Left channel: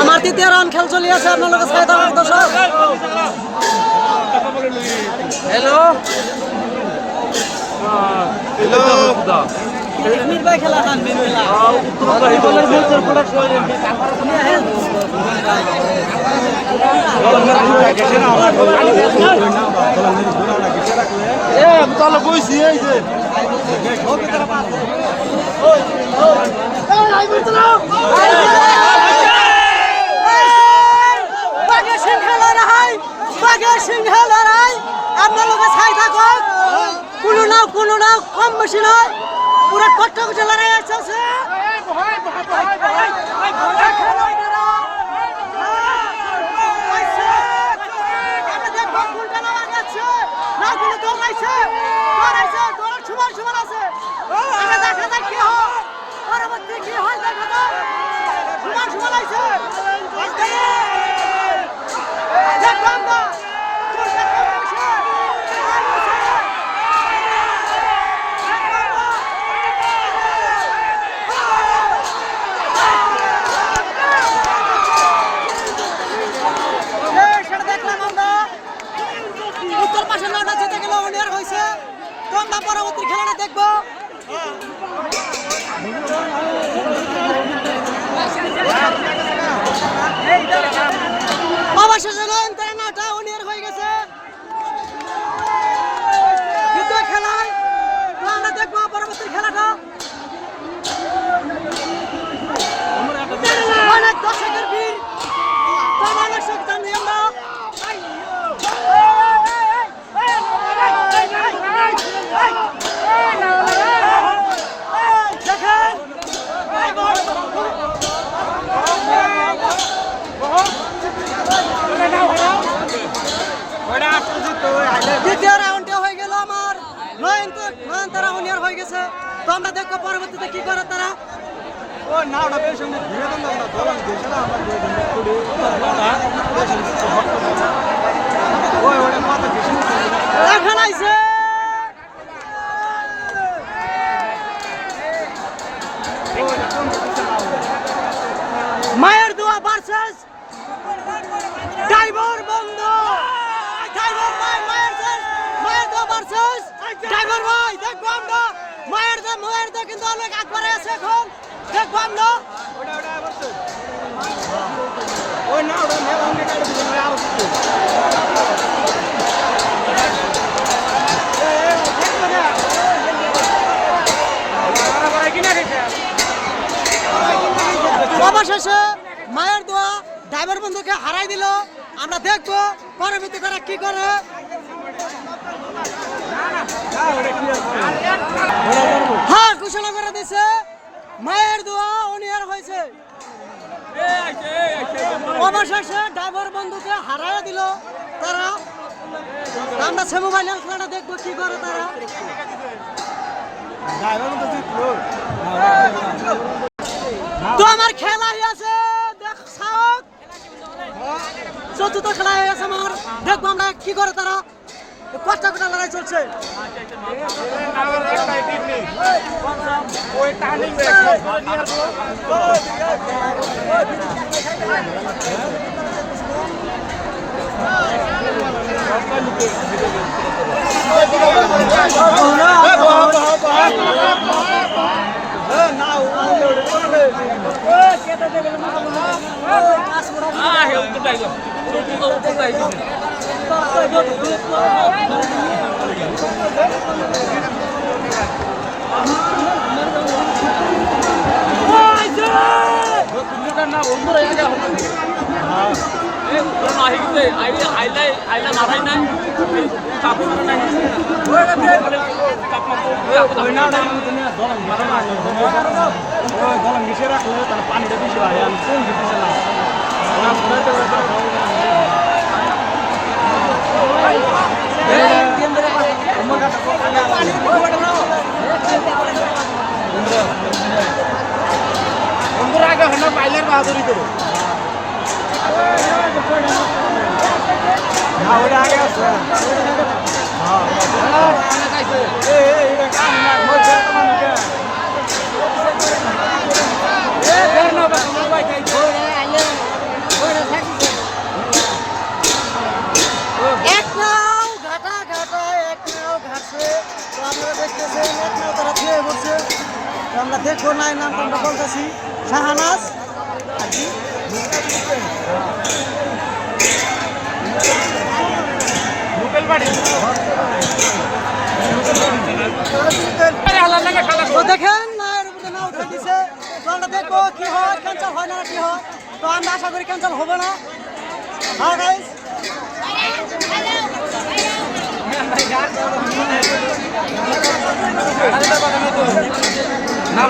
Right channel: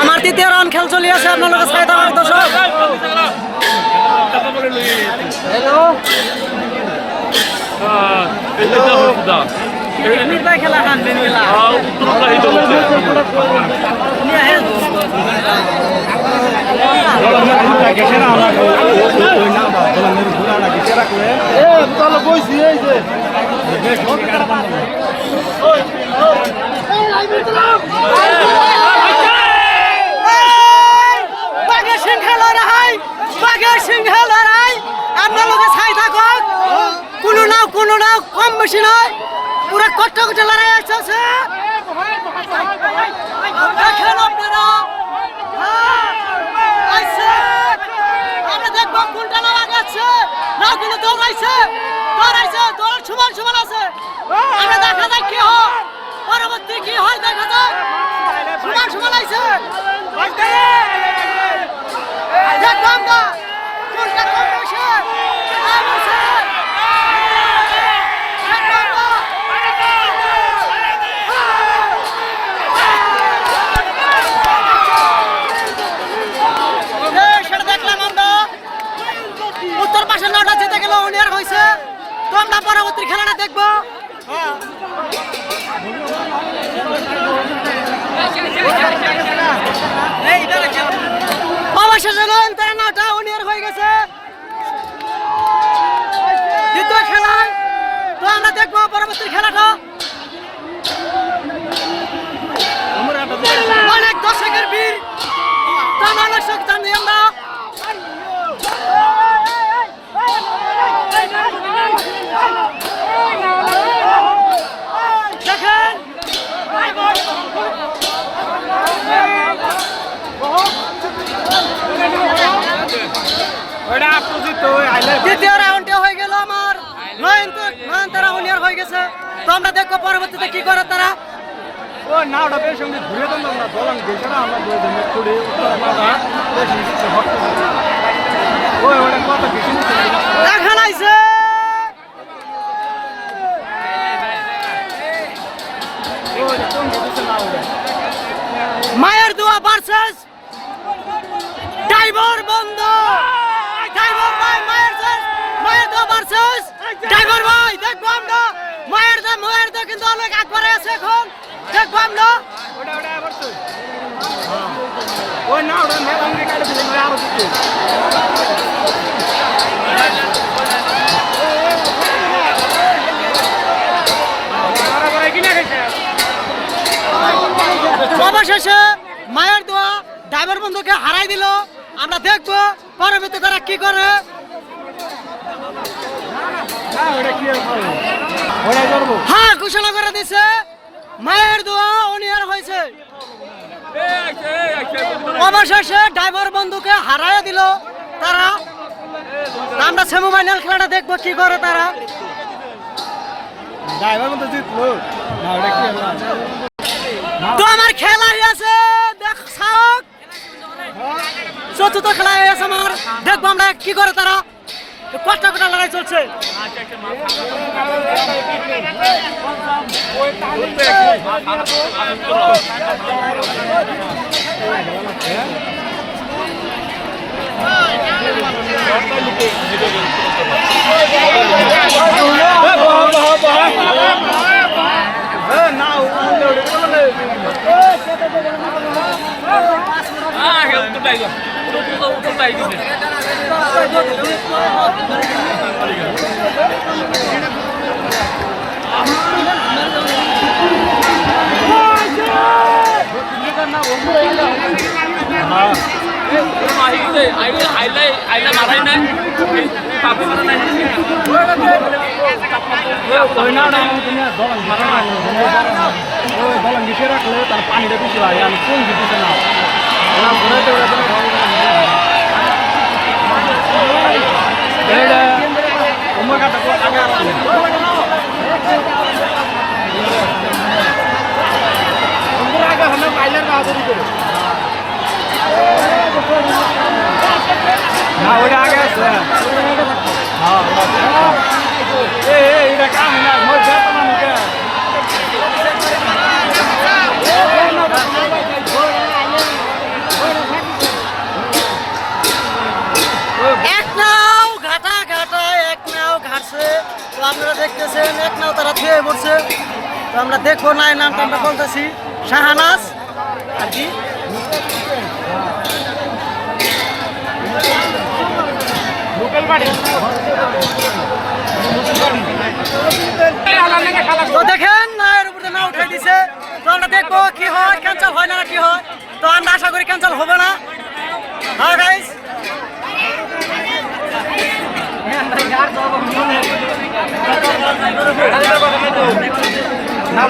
আমার তৃতীয় রাউন্ড খেল চলে আছে আপনার কাছে দর্শক। হ্যালো হ্যালো খেলা হানবেন খেলা বইছি এই যে আপনার লোকে ছাই থাকুক, কোনো নাও কম বেশি নয়, পুরো কট্টা লড়াই আসছে। সমান আছে, দেখা যায় কি হয়, পরবর্তী কি হয় দেখা যায়। সমান আইছে দেখলাম না কোনটা কম বসে সেটা দেখলাম আমরা। উত্তর পাশে নটা জিতে গেল, উনিয়ার হয়েছে। তো আমরা পরবর্তী খেলাটা দেখবো। অবশেষে নটা উনিয়ার হয়ে গেছে দ্বিতীয় খেলায়। তো আমরা দেখবো পরবর্তী খেলাটা। অনেক দর্শকের ভিড়, অনেক শোক জানি আমরা। দ্বিতীয় রাউন্ডে হয়ে গেল আমার নয়নতারা উনিয়ার হয়ে গেছে। তো আমরা দেখবো পরবর্তীতে কি করে তারা। দেখা নাইছে মায়ের দোয়া ভার্সেস ড্রাইভার বন্ধ। ড্রাইভার ভাই মায়ের দোয়া ভার্সেস ড্রাইভার ভাই। দেখবো আমরা মায়ের দোয়া কিন্তু অনেক একবারে আছে এখন। দেখবো আমরা অবশেষে মায়ের দোয়া ড্রাইভার বন্ধুকে হারাই দিল। আমরা দেখবো পরবর্তী করা কি করে। হ্যাঁ, ঘোষণা করে দিছে মায়ের দোয়া উনিয়ার হয়েছে। অবশেষে ড্রাইভার বন্ধুকে হারাই দিল তারা। আমরা সেমিফাইনাল খেলাটা দেখবো কি করে তারা। তো আমার খেলা আছে চতুর্থ খেলা আছে আমার। দেখবো আমরা কি করে তারা। কটা লড়াই চলছে। পাইলার বাহাদুরি করে আপনারা দেখতেছেন এক নাও তারা ছুঁয়ে পড়ছে। তো আমরা দেখবো নাই নামটা আমরা বলতেছি শাহানাজ আর কি তো দেখেন নায়ের উপরে না উঠে দিছে। তো আমরা দেখবো কি হয়, ক্যান্সেল হয় না কি হয়। তো আমরা আশা করি ক্যান্সেল হবে না। হ্যাঁ গাইস না